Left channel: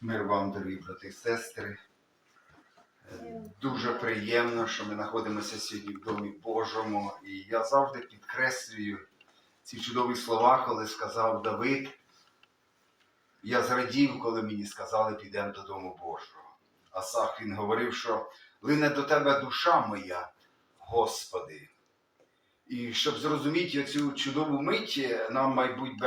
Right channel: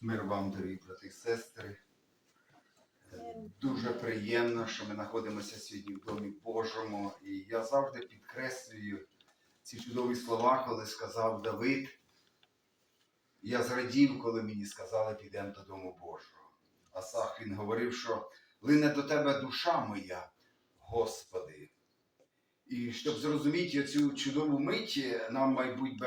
Мир вам, дорогі брати і сестри. Дуже приємно, що ми знаходимося сьогодні в Домі Божому. І я завжди підкреслюю ці чудові слова, коли сказав Давид. Я зрадів, коли мені сказали, підемо до Дому Божого. Асах він говорив, що лине до тебе душа моя, Господи. І щоб зрозуміти цю чудову мить, нам, мабуть,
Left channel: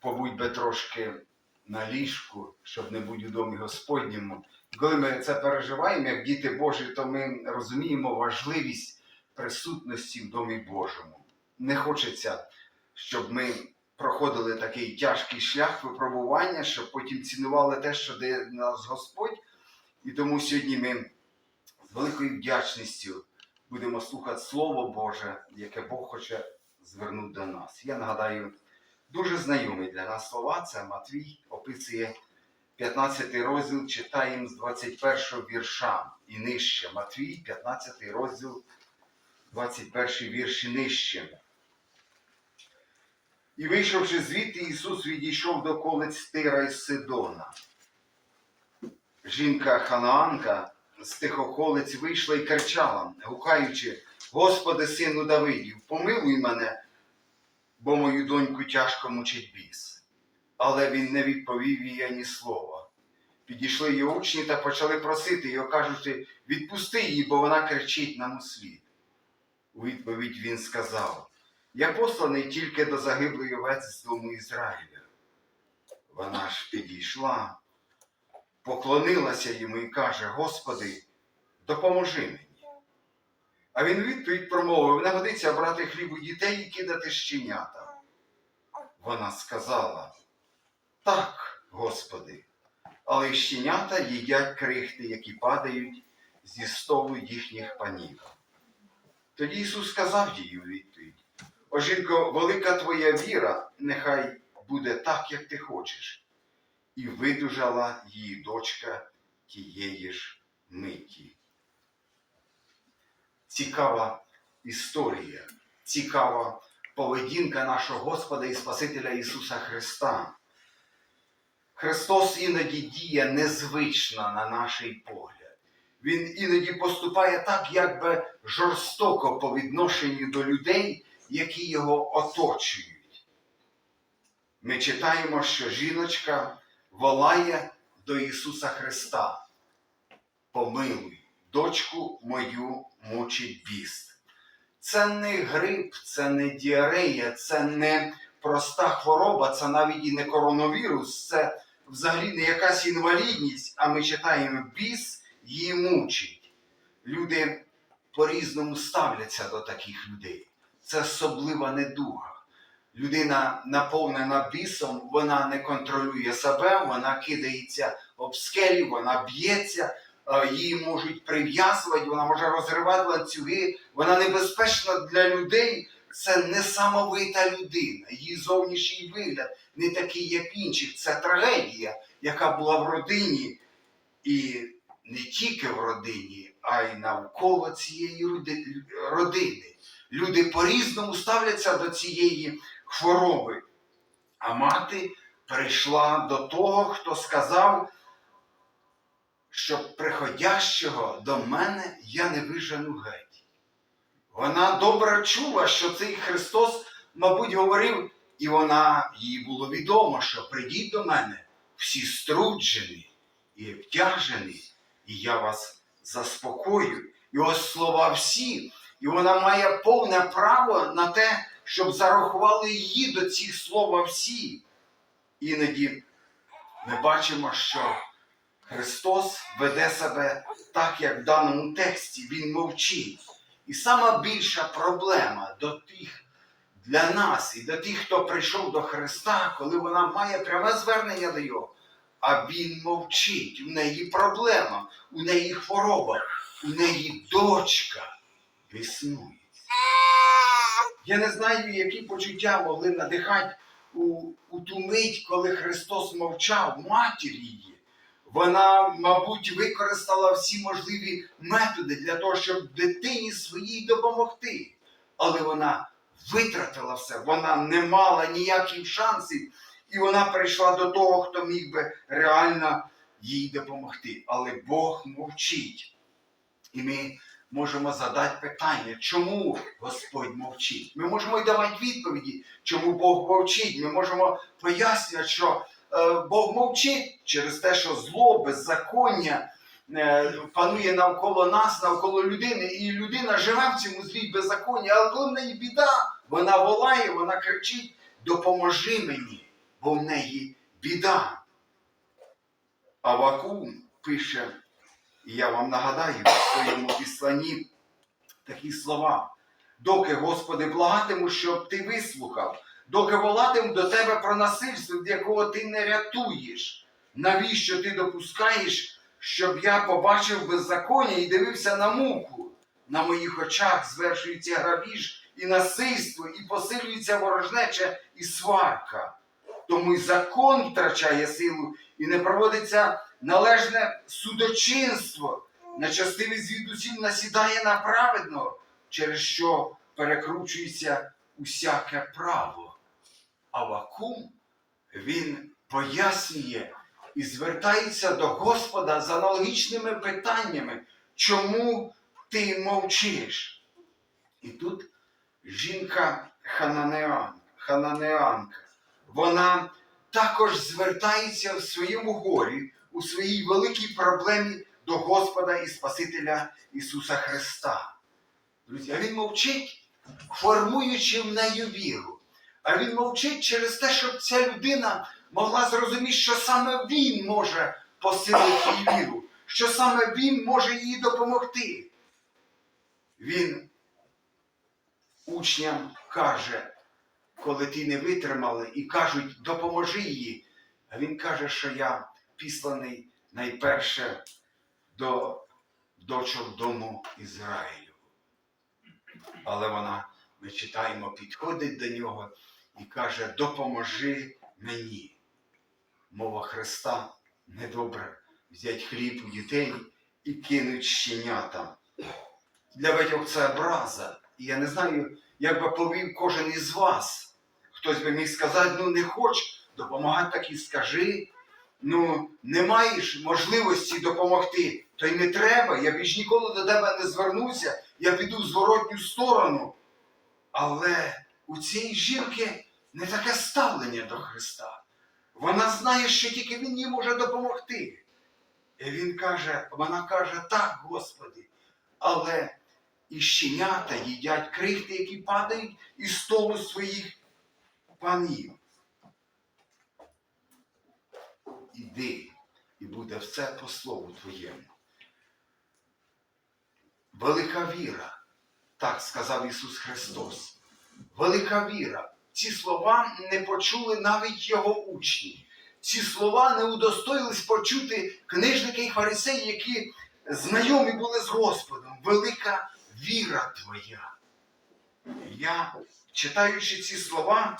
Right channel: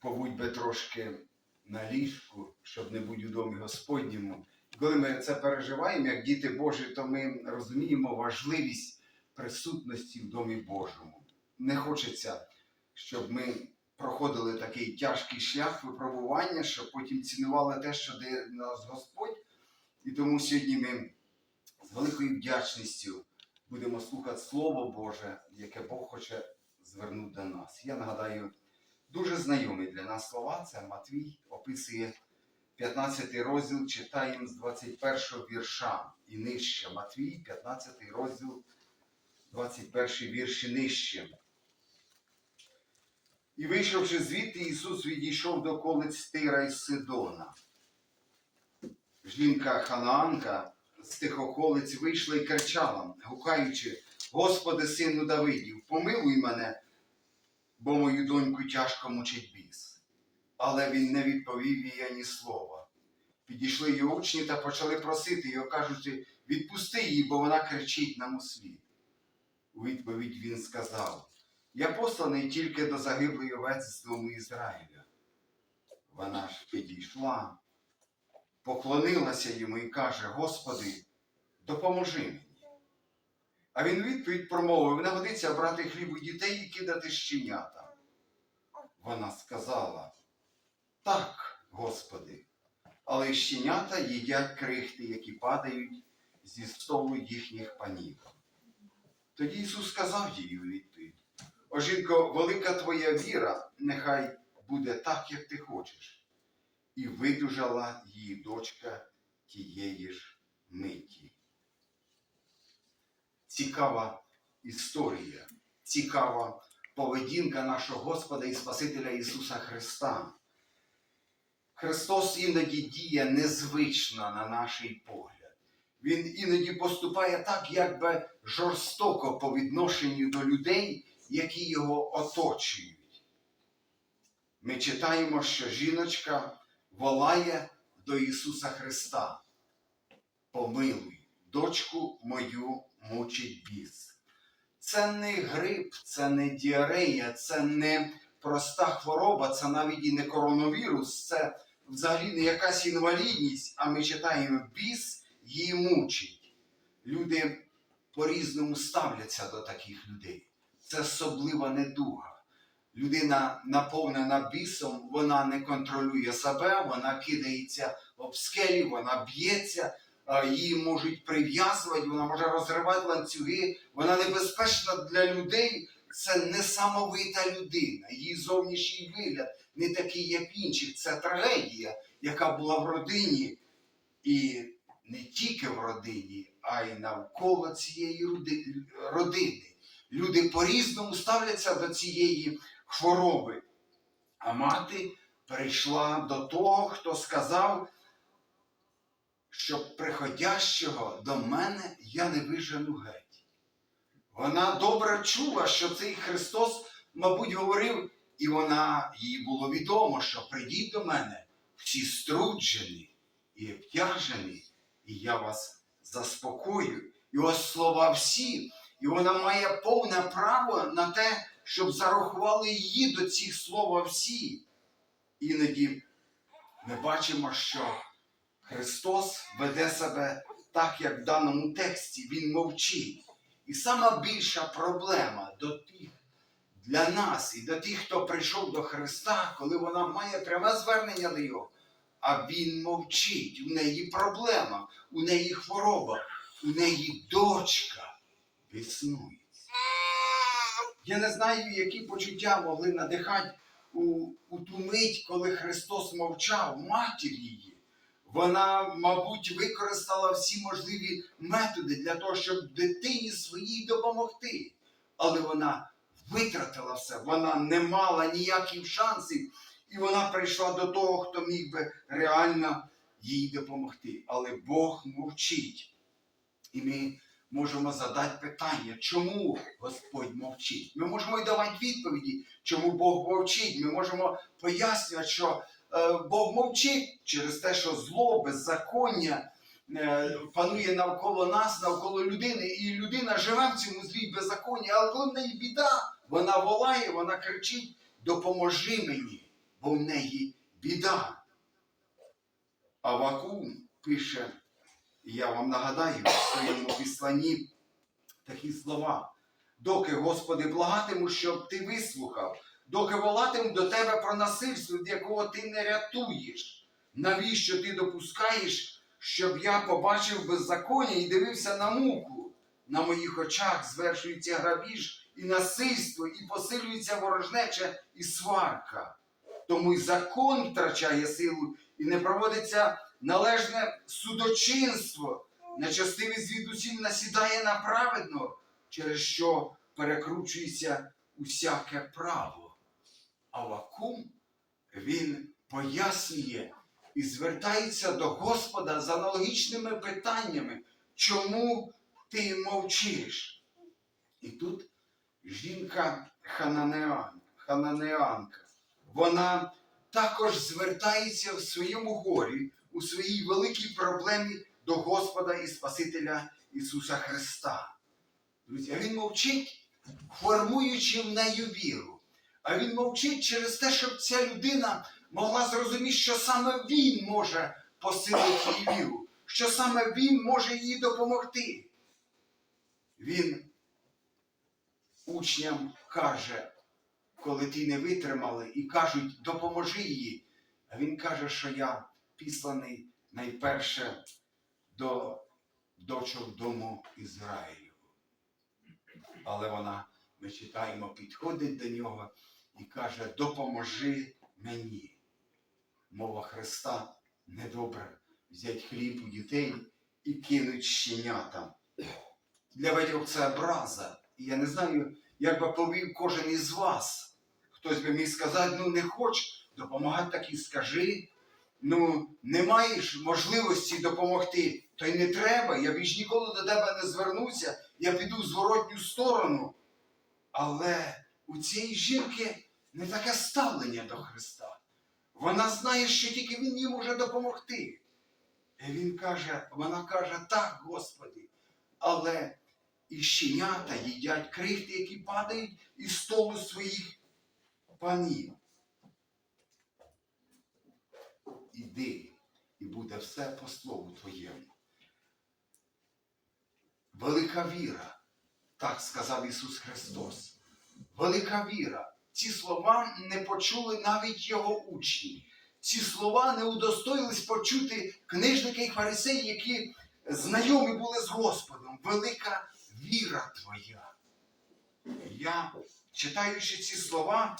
побудь би трошки на ліжку, щоб не бути у домі Господньому. І коли ми це переживаємо, як діти Божі, то ми розуміємо важливість присутності в домі Божому. Не хочеться, щоб ми проходили такий тяжкий шлях випробування, щоб потім цінували те, що дає нас Господь. І тому сьогодні ми з великою вдячністю будемо слухати Слово Боже, яке Бог хоче звернути до нас. Я нагадаю, дуже знайомі для нас слова. Це Матвій описує 15 розділ, читаємо з 21 вірша і нижче. Матвій, 15 розділ, 21 вірш і нижче. І вийшовши звідти, Ісус відійшов до колиць Тира і Сидона. Жінка Ханаанка з тих околиць вийшла і кричала, гукаючи, Господи, сину Давидів, помилуй мене, бо мою доньку тяжко мучить біс. Але він не відповів їй ані слова. Підійшли її учні та почали просити його, кажучи, відпусти її, бо вона кричить нам у світ. У відповідь він сказав: Я посланий тільки до загиблої овець з дому Ізраїля. Вона ж підійшла, поклонилася йому і каже: Господи, допоможи мені. А він відповідь промовив: не годиться брати хліб у дітей і кидати щенятам. Вона сказала: Так, Господи, але щенята їдять крихти, які падають зі столу їхніх панів. Тоді Ісус сказав їй у відповідь: О, жінко, велика твоя віра, нехай буде так, як ти хочеш. І видужала її дочка тієї ж миті. Цікава історія, цікава поведінка нашого Господа і Спасителя Ісуса Христа. Христос іноді діє незвично на наш погляд. Він іноді поступає так, якби жорстоко по відношенню до людей, які його оточують. Ми читаємо, що жіночка волає до Ісуса Христа. Помилуй, дочку мою мучить біс. Це не грип, це не діарея, це не проста хвороба, це навіть і не коронавірус, це взагалі не якась інвалідність, а ми читаємо біс її мучить. Люди по-різному ставляться до таких людей. Це особлива недуга. Людина, наповнена бісом, вона не контролює себе, вона кидається об скелі, вона б'ється, її можуть прив'язувати, вона може розривати ланцюги, вона небезпечна для людей. Це несамовита людина. Її зовнішній вигляд не такий, як інших. Це трагедія, яка була в родині, і не тільки в родині, а й навколо цієї родини. Люди по-різному ставляться до цієї хвороби. А мати прийшла до того, хто сказав, що приходящого до мене я не вижену геть. Вона добре чула, що цей Христос, мабуть, говорив, і вона їй було відомо, що прийдіть до мене всі струджені і обтяжені, і я вас заспокою. І ось слова всі, і вона має повне право на те, щоб зарахували її до цих слова всі. Іноді ми бачимо, що Христос веде себе так, як в даному тексті, Він мовчить. І сама більша проблема до тих, для нас і до тих, хто прийшов до Христа, коли вона має пряме звернення до Його, а Він мовчить. У неї проблема, у неї хвороба, у неї дочка існує. Я не знаю, які почуття могли надихати у, у ту мить, коли Христос мовчав, матір її. Вона, мабуть, використала всі можливі методи для того, щоб дитині своїй допомогти. Але вона витратила все, вона не мала ніяких шансів. і вона прийшла до того, хто міг би реально їй допомогти. Але Бог мовчить. І ми можемо задати питання, чому Господь мовчить? Ми можемо й давати відповіді, чому Бог мовчить. Ми можемо пояснювати, що Бог мовчить через те, що зло, беззаконня е, панує навколо нас, навколо людини, і людина живе в цьому злі й беззаконні, але коли в неї біда, вона волає, вона кричить: допоможи мені, бо в неї біда. Авакум пише, і я вам нагадаю в своєму післанні такі слова. Доки, Господи, благатиму, щоб ти вислухав, доки волатиму до тебе про насильство, від якого ти не рятуєш. Навіщо ти допускаєш, щоб я побачив беззаконня і дивився на муку? На моїх очах звершується грабіж і насильство, і посилюється ворожнеча і сварка. Тому й закон втрачає силу і не проводиться належне судочинство. Нечастивий звідусіль насідає на праведного, через що перекручується усяке право. А вакум він пояснює і звертається до Господа з аналогічними питаннями, чому ти мовчиш? І тут жінка Хананеан, Хананеанка, вона також звертається в своєму горі, у своїй великій проблемі до Господа і Спасителя Ісуса Христа. Друзі, а Він мовчить, формуючи в неї віру. А Він мовчить через те, щоб ця людина могла зрозуміти, що саме Він може посилити її віру, що саме Він може їй допомогти. Він учням каже, коли ті не витримали і кажуть, допоможи їй. А він каже, що я післаний найперше до дочок дому Ізраїлю. Але вона, ми читаємо, підходить до нього і каже: Допоможи мені. Мова Христа недобре взять хліб у дітей і кинуть щенятам. Для багатьох це образа. І я не знаю, як би повів кожен із вас. Хтось би міг сказати, ну не хоч допомагати, так і скажи. Ну, не маєш можливості допомогти, то й не треба. Я більш ніколи до тебе не звернуся, я піду в зворотню сторону. Але у цієї жінки не таке ставлення до Христа. Вона знає, що тільки Він їй може допомогти. І він каже, вона каже, так, Господи, але і щенята їдять крихти, які падають із столу своїх панів. Іди, і буде все по слову Твоєму. Велика віра, так сказав Ісус Христос. Велика віра. Ці слова не почули навіть Його учні. Ці слова не удостоїлись почути книжники і фарисеї, які знайомі були з Господом. Велика віра Твоя. Я, читаючи ці слова,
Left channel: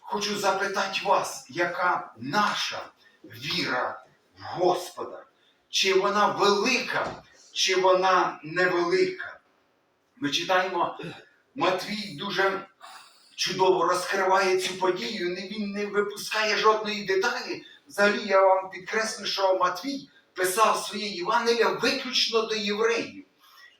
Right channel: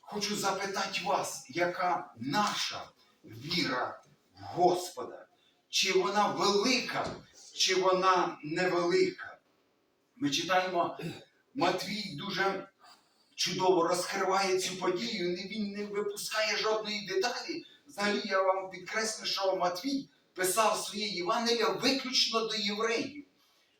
хочу запитати вас, яка наша віра в Господа? Чи вона велика, чи вона невелика? Ми читаємо, Матвій дуже чудово розкриває цю подію, він не випускає жодної деталі. Взагалі я вам підкреслю, що Матвій писав своє Євангелія виключно до євреїв.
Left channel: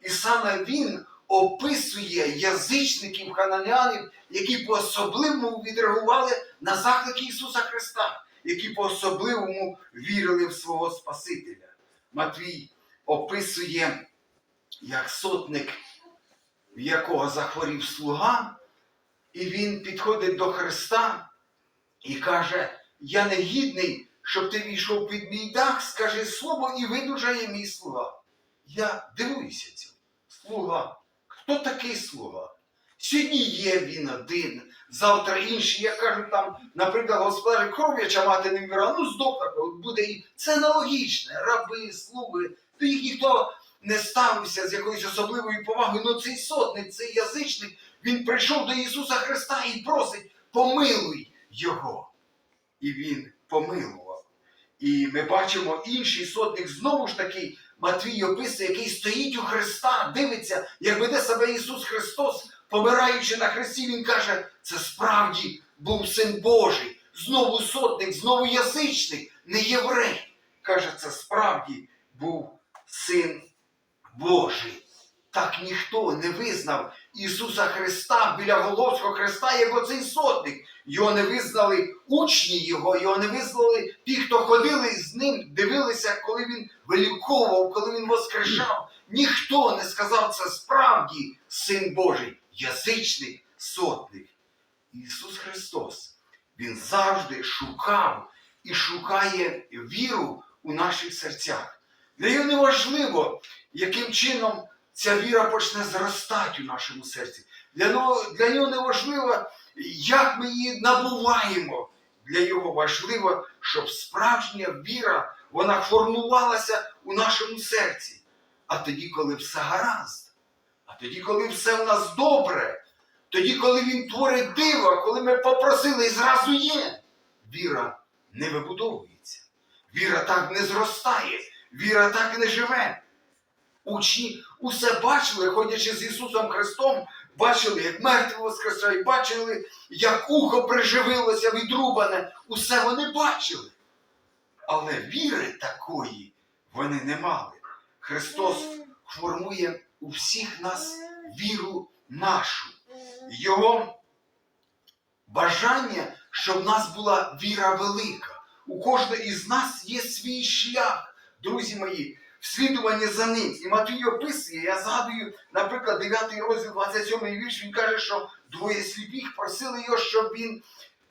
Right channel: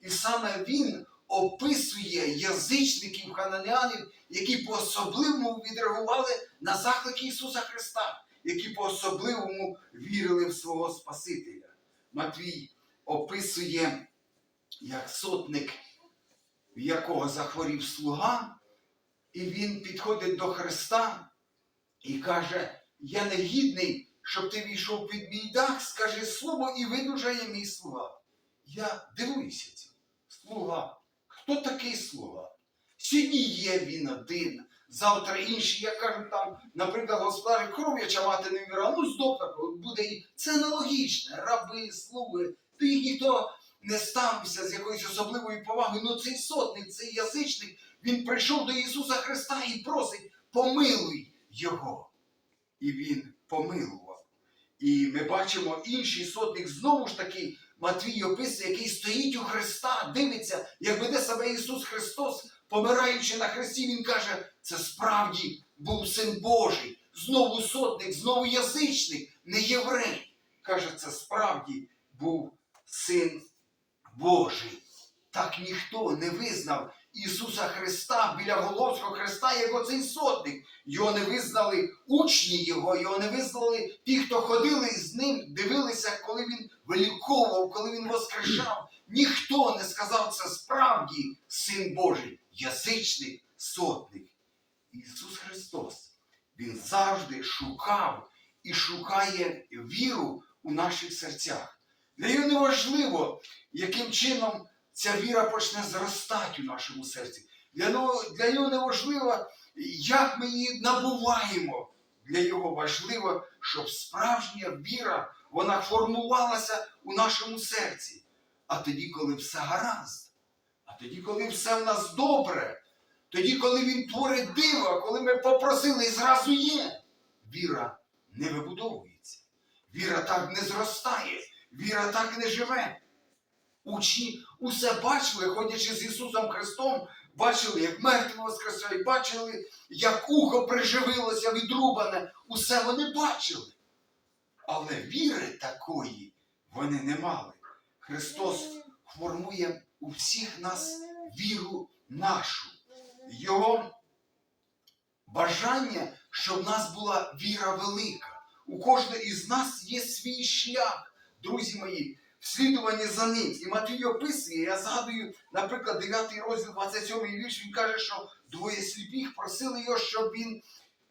І саме він описує язичників хананянів, які по-особливому відреагували на заклики Ісуса Христа, які по-особливому вірили в свого Спасителя. Матвій описує, як сотник, в якого захворів слуга, і він підходить до Христа і каже: Я не гідний, щоб ти війшов під мій дах, скажи слово і видужає мій слуга. Я дивуюся цьому. Слуга. Хто такий слуга? Сьогодні є він один, завтра інший. Я кажу, там, наприклад, господар кров'яча мати не вміра, ну здохне, от буде і це аналогічне. Раби, слуги, до їх ніхто не ставився з якоюсь особливою повагою. Ну цей сотник, цей язичник, він прийшов до Ісуса Христа і просить, помилуй Його. І він помилував. І ми бачимо інший сотник знову ж таки, Матвій описує, який стоїть у Христа, дивиться, як веде себе Ісус Христос, помираючи на Христі, Він каже, це справді був Син Божий. знову сотник, знову язичник, не єврей. Каже, це справді був син Божий. Так ніхто не визнав Ісуса Христа біля Головського Христа, як оцей сотник. Його не визнали учні Його, його не визнали ті, хто ходили з ним, дивилися, коли він виліковував, коли він воскрешав. Ніхто не сказав це справді син Божий, язичник, сотник. Ісус Христос. Він завжди шукав і шукає віру у наших серцях. Для нього не важливо, яким чином ця віра почне зростати у нашому серці. Для нього, для нього не важливо, як ми її набуваємо. Для нього важливо, щоб справжня віра вона формувалася у нашому серці. А тоді, коли все гаразд, а тоді, коли все в нас добре, тоді, коли він творить диво, коли ми попросили і зразу є, віра не вибудовується. Віра так не зростає, віра так не живе. Учні усе бачили, ходячи з Ісусом Христом, бачили, як мертві воскресають, бачили, як ухо приживилося відрубане. Усе вони бачили. Але віри такої вони не мали. Христос формує у всіх нас віру нашу. Його бажання, щоб в нас була віра велика. У кожного із нас є свій шлях, друзі мої, вслідування за ним. І Матвій описує, я згадую, наприклад, 9 розділ, 27 вірш, він каже, що двоє сліпих просили його, щоб він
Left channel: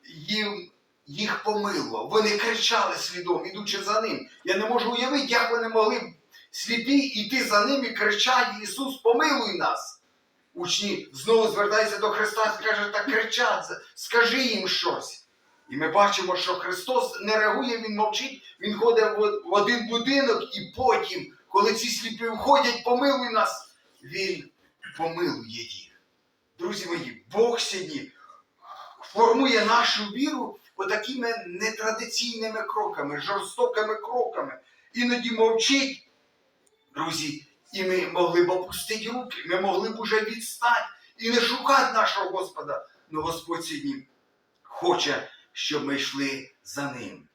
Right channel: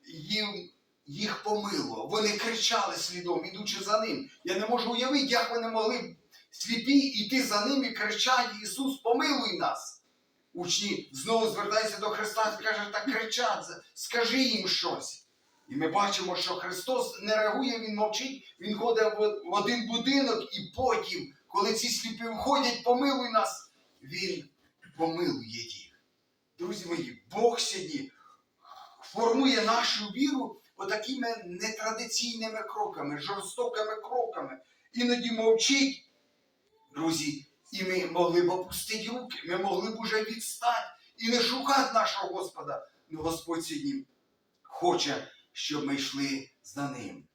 їм їх помилував. Вони кричали слідом, ідучи за ним. Я не можу уявити, як вони могли сліпі йти за ним і кричати, Ісус, помилуй нас. Учні знову звертаються до Христа і каже, так кричать, скажи їм щось. І ми бачимо, що Христос не реагує, Він мовчить, Він ходить в один будинок, і потім, коли ці сліпі входять, помилуй нас, Він помилує їх. Друзі мої, Бог сьогодні формує нашу віру отакими нетрадиційними кроками, жорстокими кроками. Іноді мовчить, друзі, і ми могли б опустити руки, ми могли б уже відстати і не шукати нашого Господа. Но Господь сьогодні хоче, щоб ми йшли за ним.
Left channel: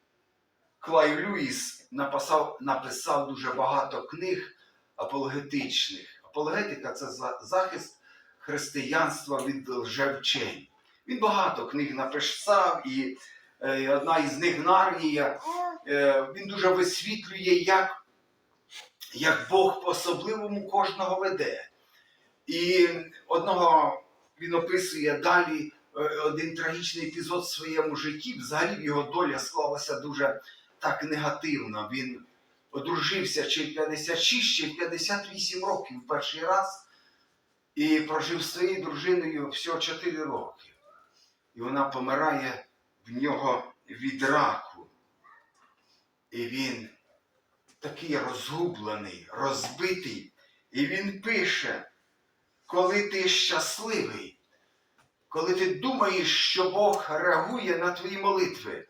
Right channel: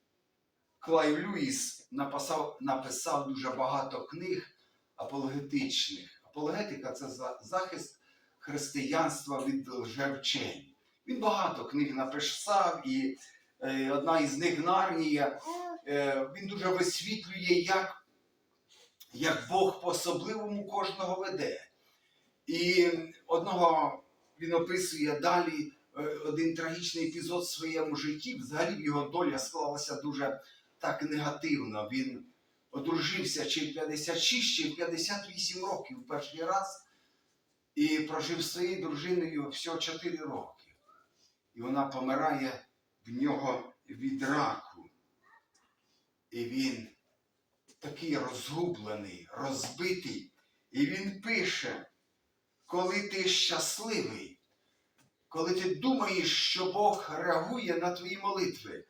Клай Люїс написав, написав дуже багато книг апологетичних. Апологетика це захист християнства від лжевчень. Він багато книг написав, і е, одна із них Нарнія. Е, він дуже висвітлює, як, як Бог по-особливому кожного веде. І одного він описує далі один трагічний епізод в своєму житті. Взагалі його доля склалася дуже так негативно. Він одружився чи в 56, чи в 58 років перший раз і прожив з своєю дружиною всього 4 роки. І вона помирає в нього від раку. І він такий розгублений, розбитий. І він пише, коли ти щасливий, коли ти думаєш, що Бог реагує на твої молитви,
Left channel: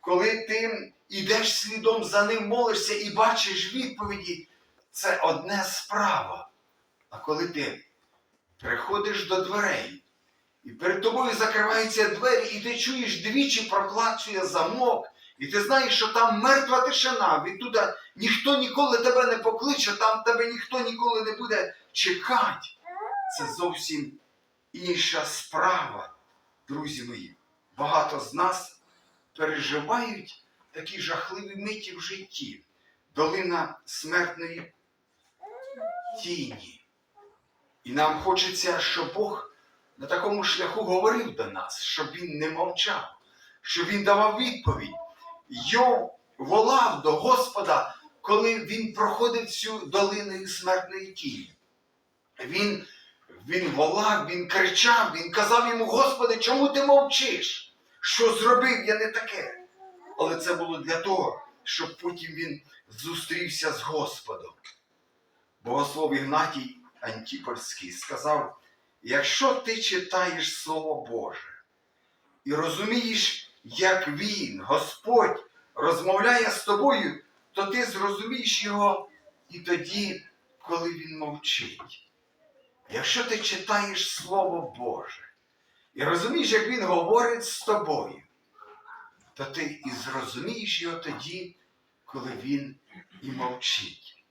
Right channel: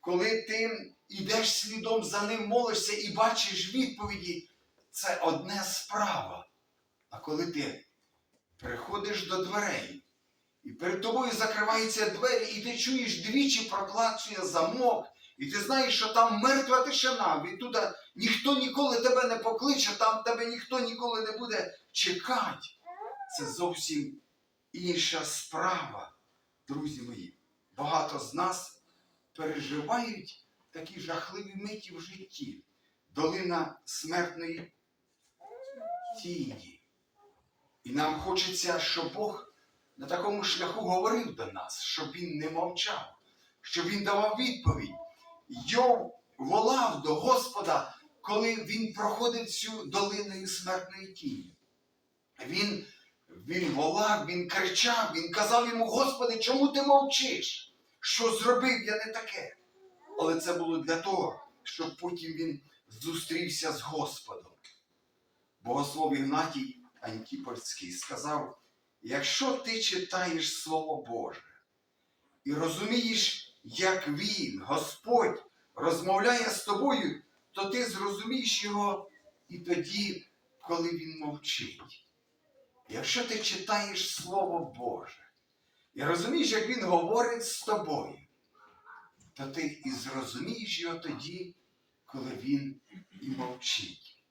коли ти йдеш слідом за ним, молишся і бачиш відповіді, це одне справа. А коли ти приходиш до дверей, і перед тобою закриваються двері, і ти чуєш двічі проклацує замок, і ти знаєш, що там мертва тишина, відтуда ніхто ніколи тебе не покличе, там тебе ніхто ніколи не буде чекати. Це зовсім інша справа, друзі мої. Багато з нас переживають такі жахливі миті в житті, долина смертної тіні. І нам хочеться, щоб Бог на такому шляху говорив до нас, щоб він не мовчав, щоб він давав відповідь. Йов волав до Господа, коли він проходив цю долину смертної тіні. Він, він волав, він кричав, він казав йому, Господи, чому ти мовчиш? Що зробив я не таке? Але це було для того, щоб потім він зустрівся з Господом. Богослов Ігнатій Антіпольський сказав, якщо ти читаєш Слово Боже і розумієш, як Він, Господь, розмовляє з тобою, то ти зрозумієш його і тоді, коли він мовчить. Якщо ти читаєш Слово Боже і розумієш, як Він говорить з тобою, то ти і зрозумієш його тоді, коли він і мовчить.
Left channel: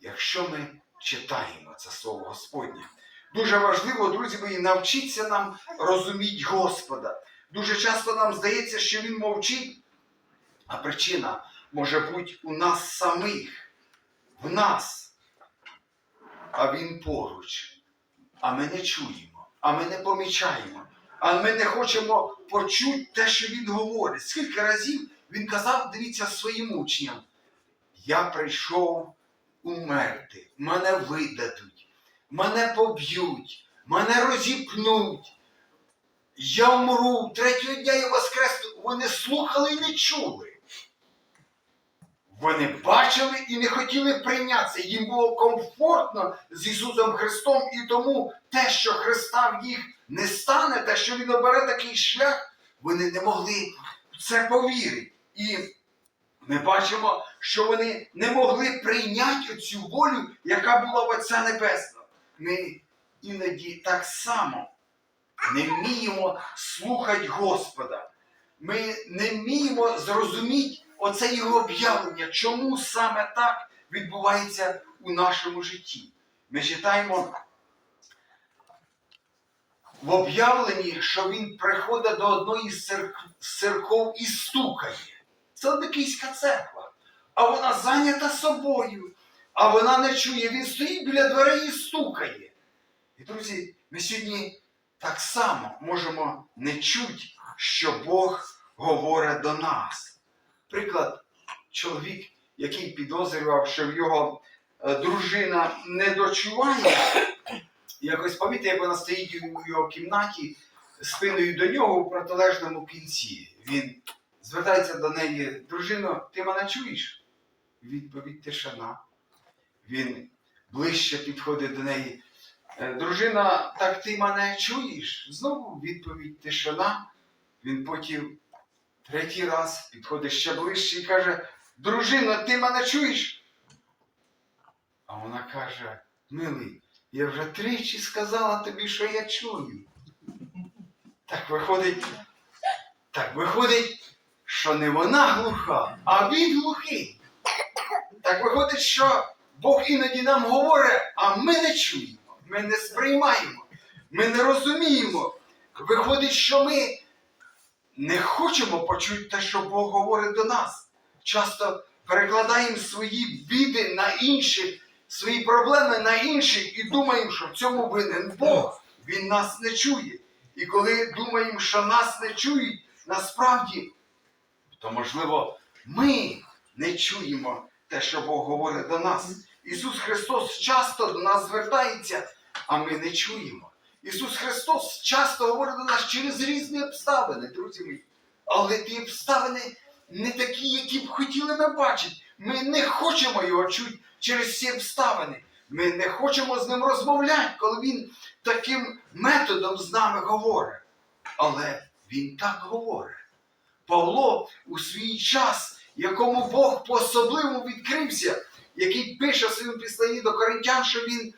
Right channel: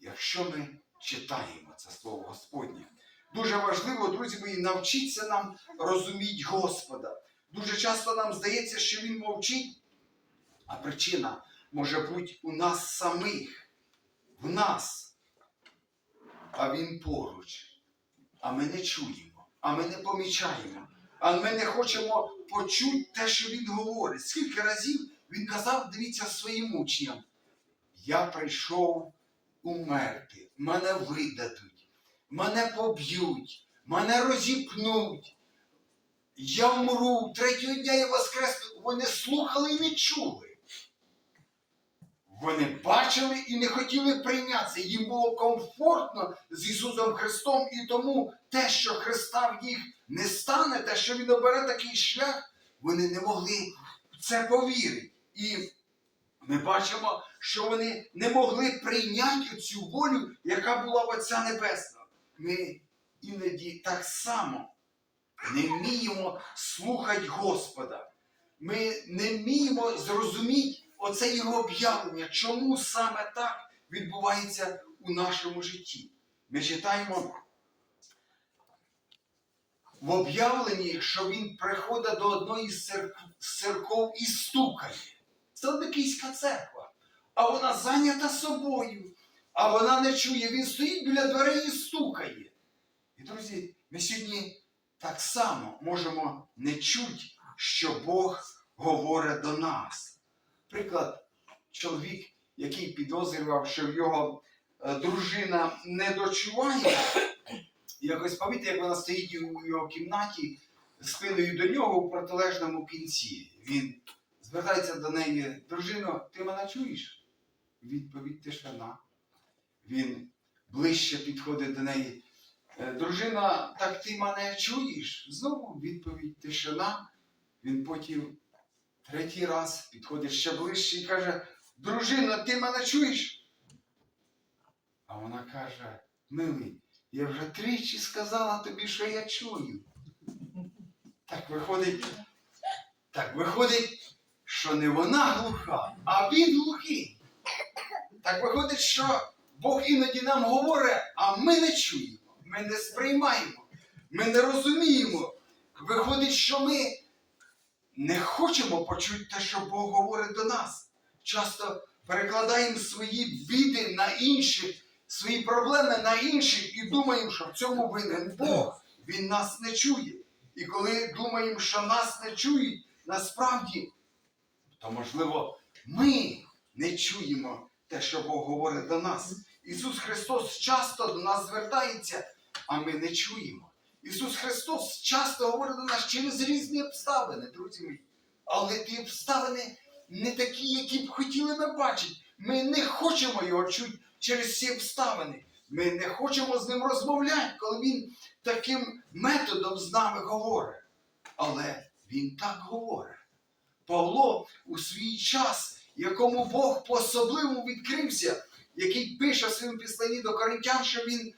Якщо ми читаємо це слово Господнє. Дуже важливо, друзі мої, навчитися нам розуміти Господа. Дуже часто нам здається, що Він мовчить, а причина може бути у нас самих, в нас. А Він поруч. А ми не чуємо, а ми не помічаємо, а ми не хочемо почути те, що Він говорить. Скільки разів він казав, дивіться, своїм учням, я прийшов умерти, мене видадуть, мене поб'ють, мене розіпнуть. Я вмру, третього дня я воскресну. Вони слухали і не чули. Вони бачили і не хотіли прийнятися. Їм було комфортно з Ісусом Христом, і тому те, що Христа в їх не стане, те, що Він обере такий шлях, вони не могли в це повірити. І ми бачимо, що вони не могли прийняти цю волю, яка була в Отця Небесного. Ми іноді так само не вміємо слухати Господа. Ми не вміємо зрозуміти оце його об'явлення, чому саме так відбувається у нашому житті. Ми читаємо в об'явленні, що він приходить до одної з церков і стукає. Це однокійська церква. А вона зайнята собою, а вона не чує. Він стоїть біля дверей і стукає. І, друзі, ми сьогодні так само можемо не чути, що Бог говорить до нас. Приклад, чоловік, який підозрював, що в його е, дружина не дочуває, якось помітьте, як вона стоїть у його кімнаті спиною до нього у протилежному кінці. Він звертається до неї, дружино, ти мене чуєш? Відповідь тишина. Він ближче підходить до неї. «Е, Дружина, так ти мене чуєш? Знову відповідь тишина. Він потім третій раз підходить ще ближче і каже: Дружина, ти мене чуєш? А вона каже: Милий, я вже тричі сказала тобі, що я чую. Так виходить, так виходить, що не вона глуха, а він глухий. Так виходить, що Бог іноді нам говорить, а ми не чуємо, ми не сприймаємо, ми не розуміємо. Виходить, що ми не хочемо почути те, що Бог говорить до нас. Часто перекладаємо свої біди на інших, свої проблеми на інших і думаємо, що в цьому винен Бог. Він нас не чує. І коли думаємо, що нас не чують, насправді, то можливо ми не чуємо те, що Бог говорить до нас. Ісус Христос часто до нас звертається, а ми не чуємо. Ісус Христос часто говорить до нас через різні обставини, друзі мої. Але ті обставини не такі, які б хотіли ми бачити. Ми не хочемо його чути через ці обставини. Ми не хочемо з ним розмовляти, коли він таким методом з нами говорить. Але він так говорить. Павло у свій час, якому Бог по-особливому відкрився, який пише своєму післанні до коринтян, що він,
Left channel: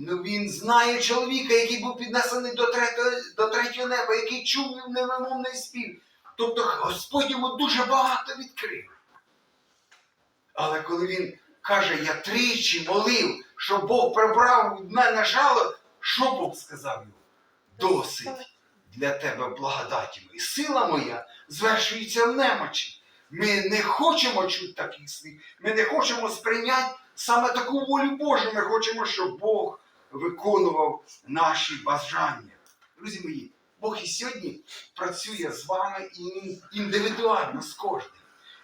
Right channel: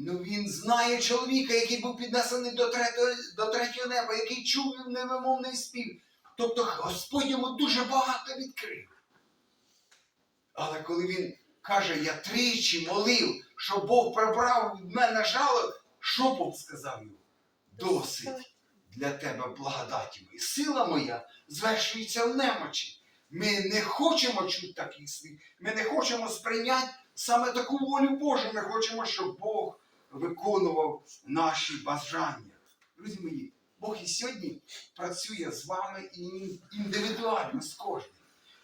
ну, він знає чоловіка, який був піднесений до третього, до третього неба, який чув невимовний спів. Тобто Господь йому дуже багато відкрив. Але коли він каже, я тричі молив, щоб Бог прибрав від мене жало, що Бог сказав йому? Досить для тебе благодаті моя. Сила моя звершується в немочі. Ми не хочемо чути таких слів. Ми не хочемо сприйняти саме таку волю Божу. Ми хочемо, щоб Бог виконував наші бажання. Друзі мої, Бог і сьогодні працює з вами індивідуально з кожним.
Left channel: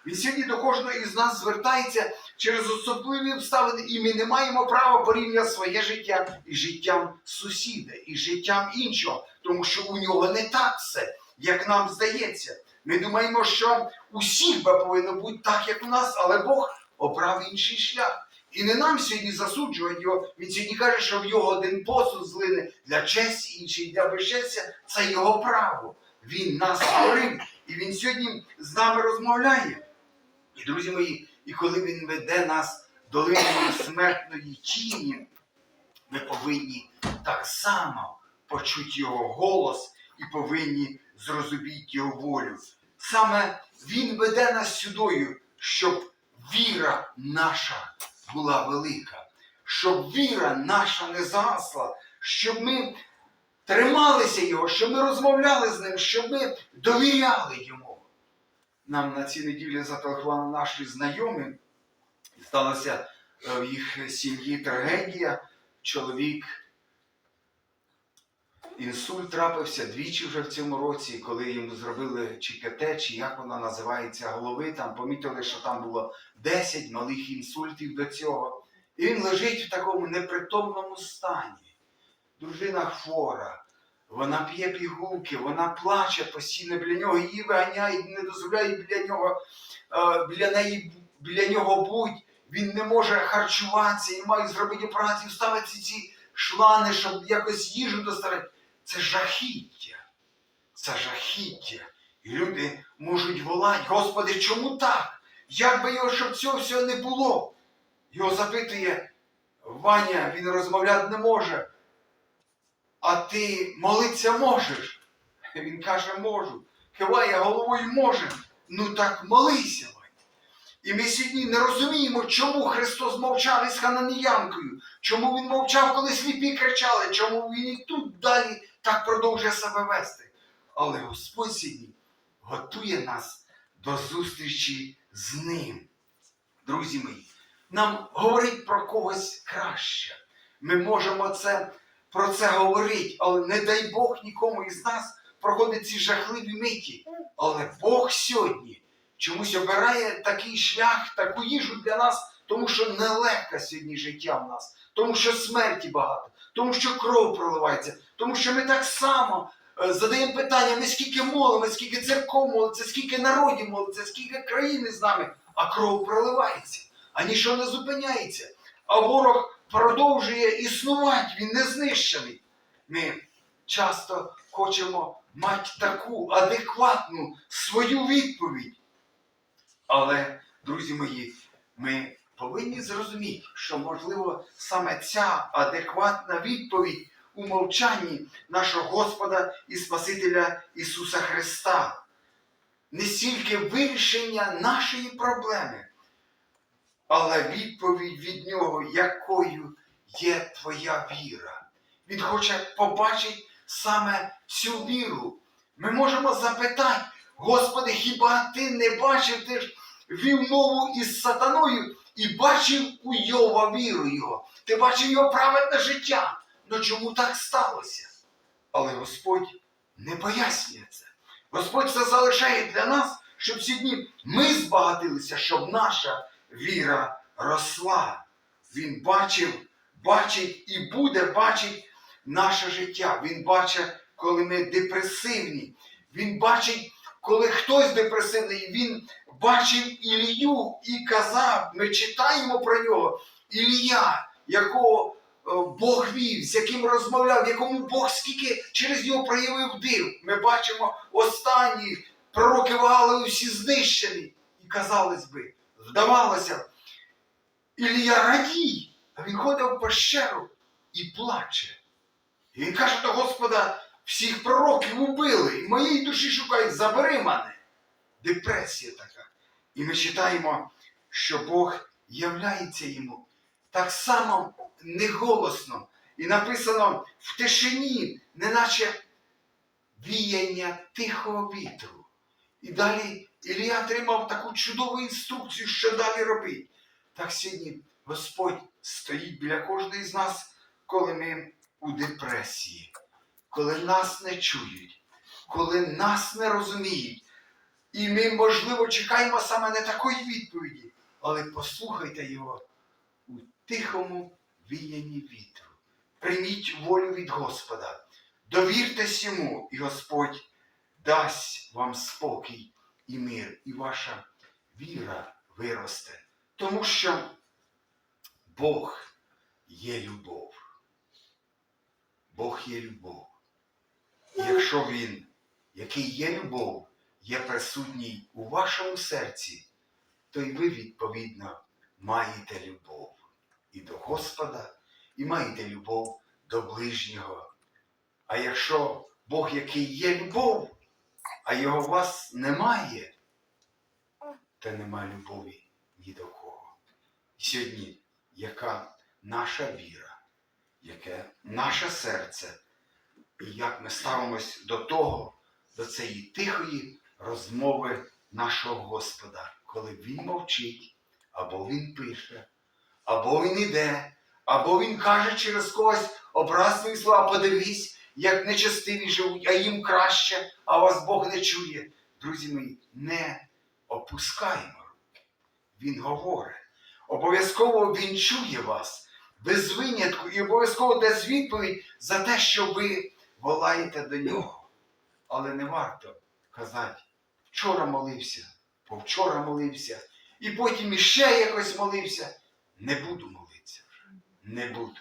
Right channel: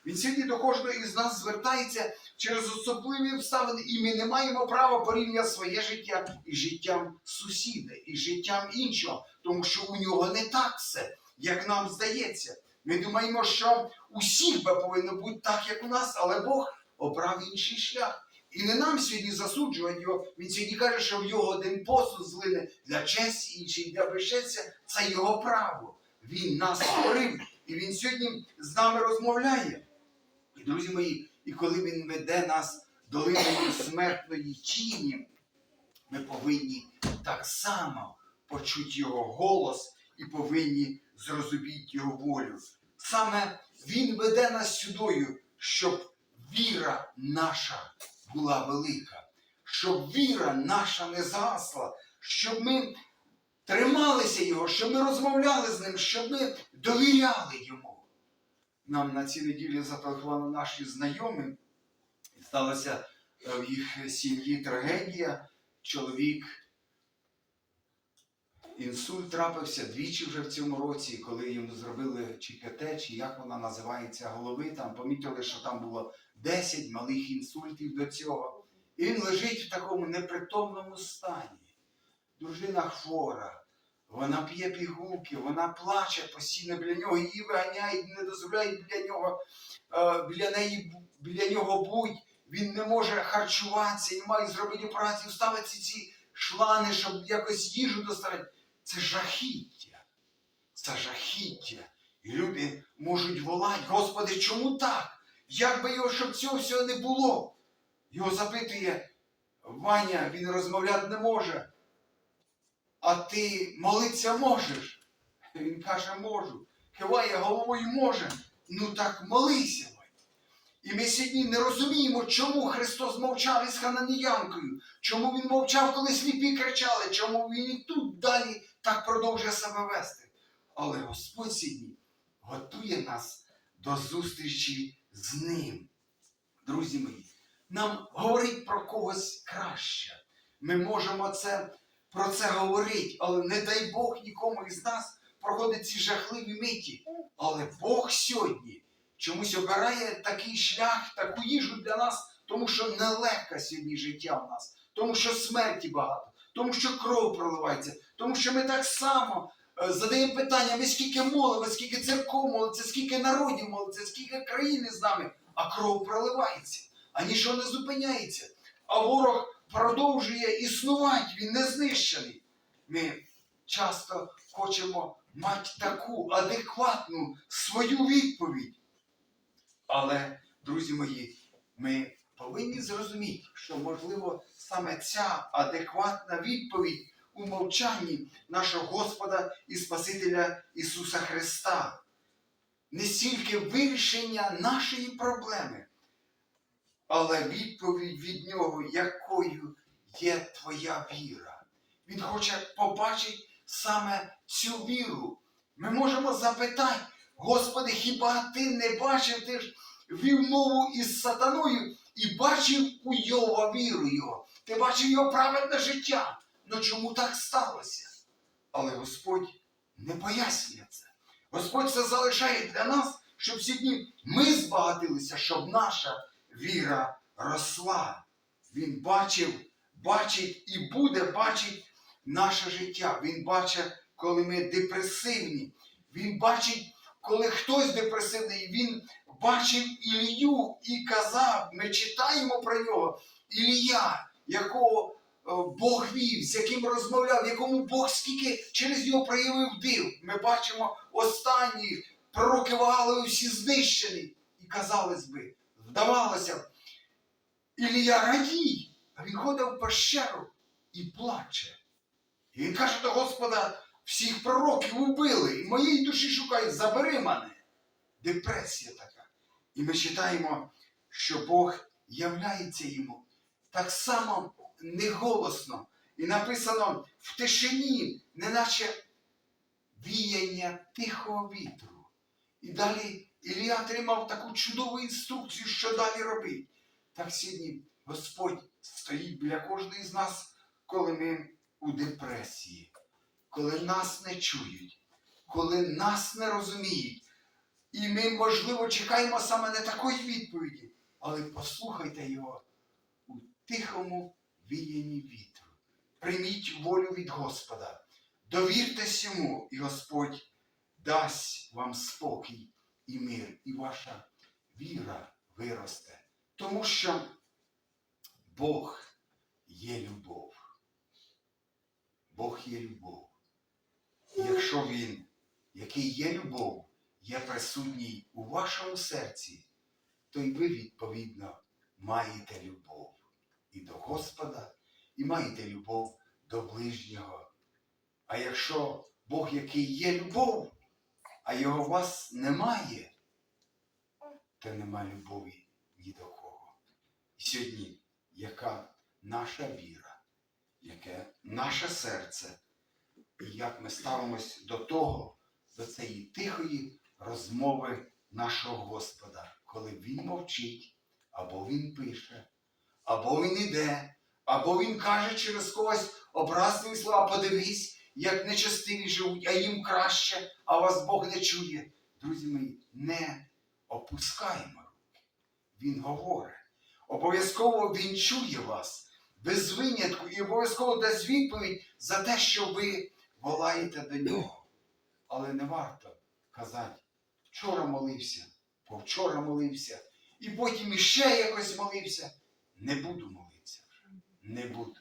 Він сьогодні до кожного із нас звертається через особливі обставини, і ми не маємо права порівняти своє життя із життям сусіда, і життям іншого, тому що у нього не так все, як нам здається. Ми думаємо, що усіх би повинно бути так, як у нас, але Бог обрав інший шлях. І не нам сьогодні засуджувати його. Він сьогодні каже, що в його один посуд злине для честі, інший для безчестя. Це його право. Він нас створив, і він сьогодні з нами розмовляє. І, друзі мої, і коли він веде нас долиною смертної тіні, ми повинні так само почути його голос і повинні зрозуміти його волю. саме Він веде нас сюдою, щоб віра наша була велика, щоб віра наша не згасла, щоб ми трималися Його, щоб ми розмовляли з ним, щоб ми довіряли йому. Нам на цій неділі зателефонували наші знайомі. Сталася е, в їх сім'ї трагедія. Чоловік інсульт трапився двічі вже в цьому році, коли йому зробили чи КТ, чи як вона називається, голови, там помітили, що там було 10 малих інсультів до цього. І він лежить в такому непритомному стані. Дружина хвора, вона п'є пігулки, вона плаче постійно біля нього, її виганяють, не дозволяють біля нього, е, біля неї, біля нього будь. Він не може харчуватися, і має зробити операцію, ставити ці шлани, щоб якось їжу доставити. Це жахіття. Це жахіття. І люди можуть волати, Господи, чому так? Як би його, щоб цього всього не було? Його запитує Ваня, він розмовляти не може. А ти молитися можеш? Він каже, можу. Киває головою може. Ну так молися. І ми сьогодні не розуміємо, чому Христос мовчав із хананіянкою, чому Він мовчав, коли сліпі кричали, чому Він і тут далі так продовжує себе вести. Але Господь сьогодні готує нас до зустрічі з Ним. Друзі мої, нам говорить про когось краще. Ми можемо це, про це говорити, але не дай Бог нікому із нас проходить ці жахливі миті. Але Бог сьогодні чомусь обирає такий шлях, таку їжу для нас, тому що нелегке сьогодні життя в нас, тому що смерті багато, тому що кров проливається, тому що ми так само е, задаємо питання, ми скільки молимо, скільки церков молиться, скільки народів молиться, скільки країни з нами, а кров проливається, а нічого не зупиняється. А ворог продовжує існувати, він не знищений. Ми часто хочемо мати таку адекватну свою відповідь. Але, друзі мої, ми повинні зрозуміти, що, можливо, саме ця адекватна відповідь у мовчанні нашого Господа і Спасителя Ісуса Христа. Не стільки вирішення нашої проблеми, але відповідь від Нього, якою є твоя віра. Він хоче побачити саме цю віру. Ми можемо запитати, Господи, хіба ти не бачив, ти ж вів із сатаною і бачив у Йова віру його. Ти бачив його праведне життя. Ну чому так сталося? Але Господь не пояснює це. Господь це залишає для нас, щоб сьогодні ми збагатилися, щоб наша віра росла. Він бачив, бачить і буде бачити наше життя. Він бачить, коли ми депресивні. Він бачить, коли хтось депресивний, він бачив Ілію і казав, ми читаємо про нього, Ілія, якого Бог вів, з яким розмовляв, якому Бог скільки через нього проявив див. Ми бачимо останні пророки Ваали усі знищені. І казалось би, здавалося, Ілія радій, а він ходив в пещеру і плаче. І він каже до Господа, всіх пророків убили, і моєї душі шукають, забери мене. Депресія така. І ми читаємо, що Бог являється йому так само неголосно. І написано в тишині, неначе віяння тихого вітру. І далі Ілія отримав таку чудову інструкцію, що далі робити. Так сьогодні Господь стоїть біля кожної з нас, коли ми у депресії, коли нас не чують, коли нас не розуміють. І ми, можливо, чекаємо саме не такої відповіді, але послухайте його у тихому віянні вітру. Прийміть волю від Господа, довіртесь йому, і Господь дасть вам спокій і мир, і ваша віра виросте. Тому що Бог є любов. Бог є любов. І якщо Він, який є любов, є присутній у вашому серці, то й ви, відповідно, маєте любов і до Господа, і маєте любов до ближнього. А якщо Бог, який є любов, а його у вас немає, то немає любові ні до кого. І сьогодні, яка наша віра, яке наше серце, і як ми ставимось до того, до цієї тихої розмови нашого Господа, коли Він мовчить, або Він пише, або Він іде, або Він каже через когось образливі слова, подивись, як нечестиві живуть, а їм краще, а вас Бог не чує. Друзі мої, не опускаємо руки. Він говорить. Обов'язково Він чує вас без винятку і обов'язково дасть відповідь за те, що ви волаєте до нього. Але не варто казати, вчора молився, повчора молився, і потім іще якось молився. Не буду молитися вже. Не буду.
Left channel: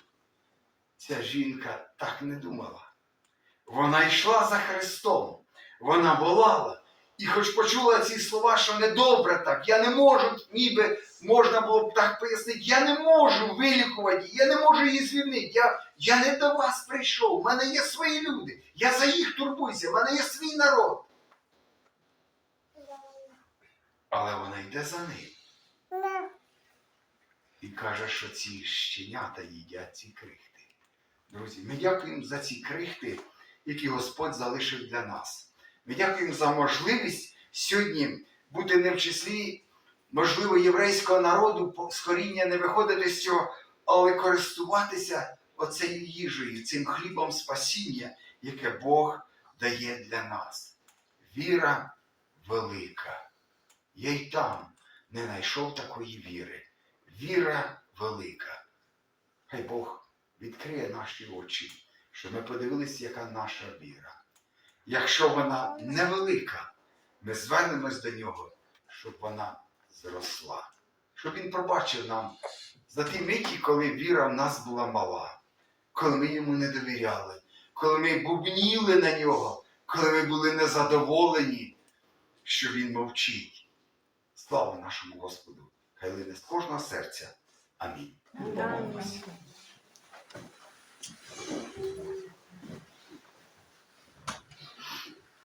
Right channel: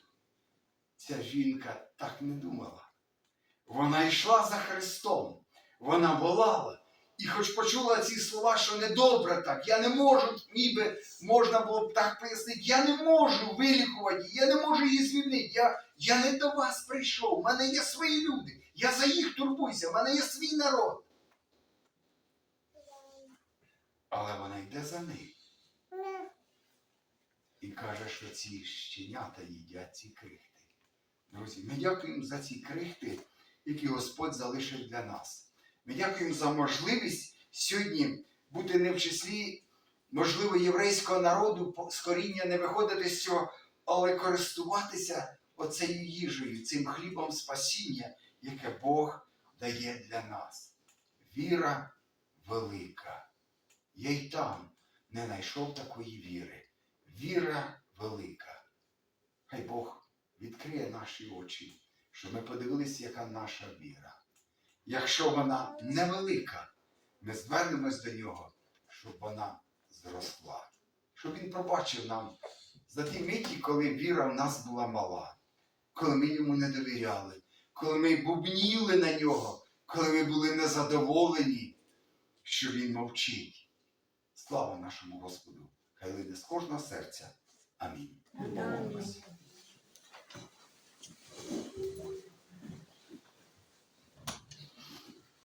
Ця жінка так не думала. Вона йшла за Христом, вона волала. І хоч почула ці слова, що недобре так, я не можу, ніби можна було б так пояснити, я не можу вилікувати, я не можу її звільнити. Я, я не до вас прийшов, у мене є свої люди, я за їх турбуюся, в мене є свій народ. Але вона йде за ним і каже, що ці щенята їдять ці крихти. Друзі, ми дякуємо за ці крихти, які Господь залишив для нас. Ми дякуємо за можливість сьогодні бути не в числі, можливо, єврейського народу, по- з коріння не виходити з цього, але користуватися оцею їжею, цим хлібом спасіння, яке Бог дає для нас. Віра велика. Я й там не знайшов такої віри. Віра велика. Хай Бог відкриє наші очі, щоб ми подивилися, яка наша віра. Якщо вона невелика, ми звернемось до нього, щоб вона зросла. Щоб він пробачив нам за ті миті, коли віра в нас була мала, коли ми йому не довіряли, коли ми бубніли на нього, коли ми були незадоволені, що він мовчить. Слава нашому Господу! Хай лине з кожного серця. Амінь. Амінь.